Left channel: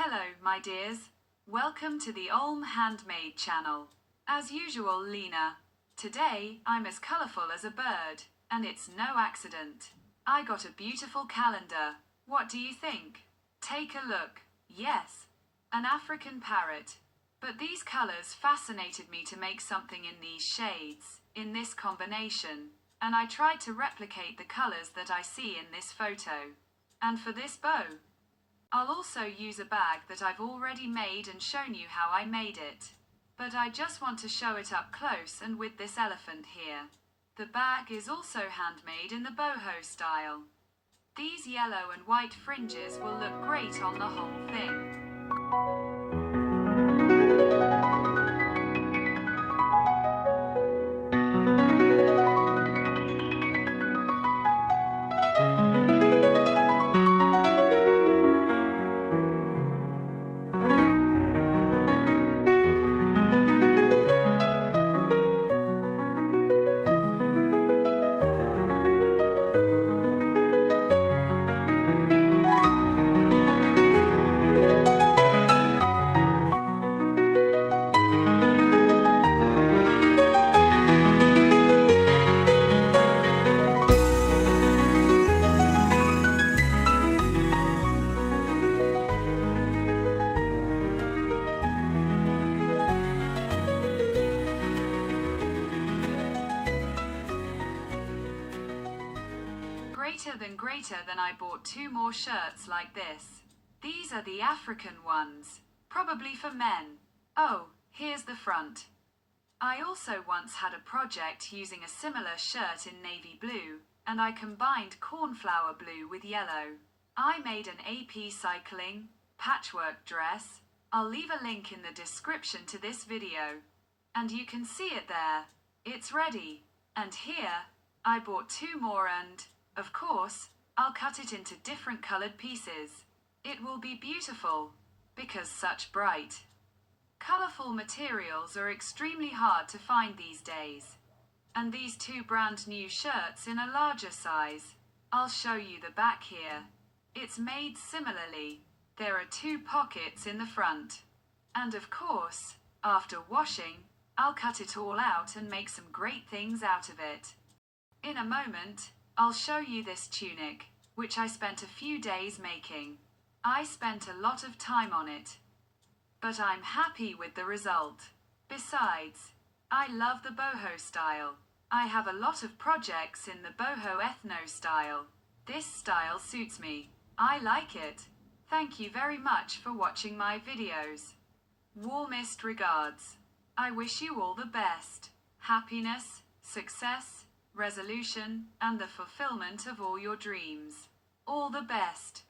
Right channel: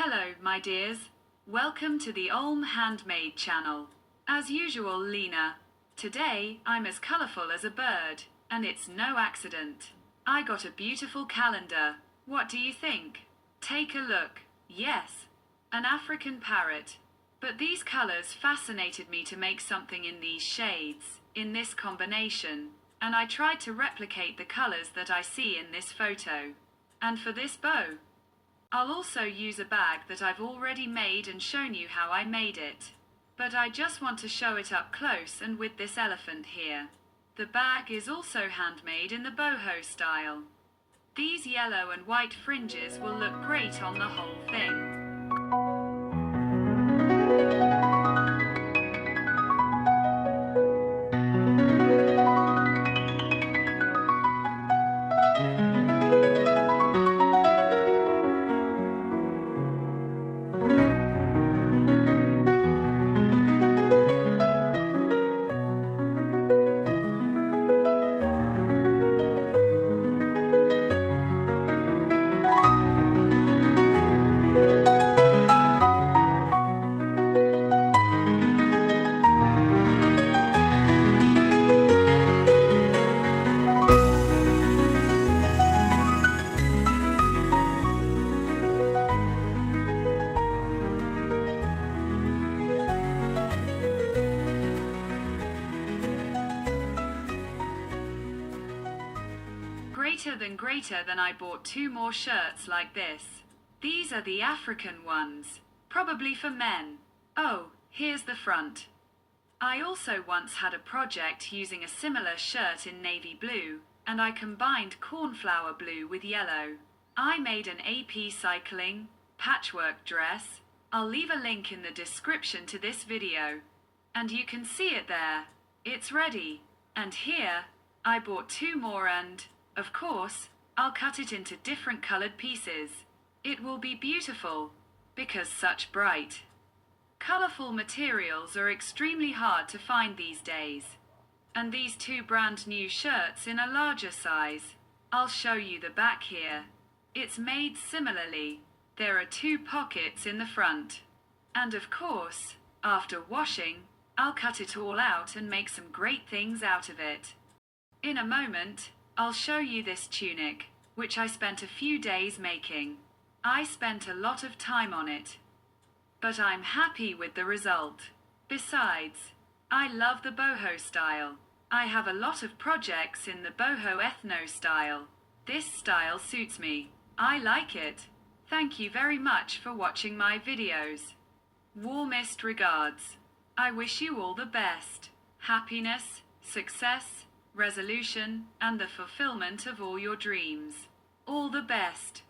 Hello, my dears. Welcome to the Olm Handmade channel. As usual, Lena. Today, I'm as colourful as a bird, and it's no accident. I got a beautiful calendar. What do you think? Take a look. Yes, an African parrot. But these colours fascinated me to make something in these shades, in this combination, and I tried to replicate the colours that I see in this photo. And for this bow, I'll also use a bag that I've already made and shown you how I made it. But I just want to show it up close and with this elephant here. The bag is also handmade in the boho style. These yellow and white fringes will look great on the whole thing. Greater than I bought 2 more shirts like this. These are the African ones, probably for men. Oh, here's the front. I also once had a project using a similar shirt in navy blue, and I combined cornflower blue with yellow. I made an Upcycling patchwork dress. I'll leave a link in the description to this video, and you can see it there. It's ready. And here, I bought 2 more and, of course, I'll cut it into different colored pieces. It will be beautiful, because such bright, colorful materials are extremely hard to find these days. And these 2 brand new shirts in a larger size. I'll show you the back here. It's made similarly. There are 2 pockets in the front. And of course, after washing, I'll cut it all out and make some great things out of it. In a moment, I'll show you this tunic, which I spent a few days making. I spent a lot of time on it, but I'm happy with the result. Besides, I love the boho style. I have a lot of projects in the boho ethno style. This style suits me. I like it. Thank you very much for watching my videos. Warmest regards. I wish you all the best. Happiness, success, resolution, and the fulfillment of all your dreams. All the best.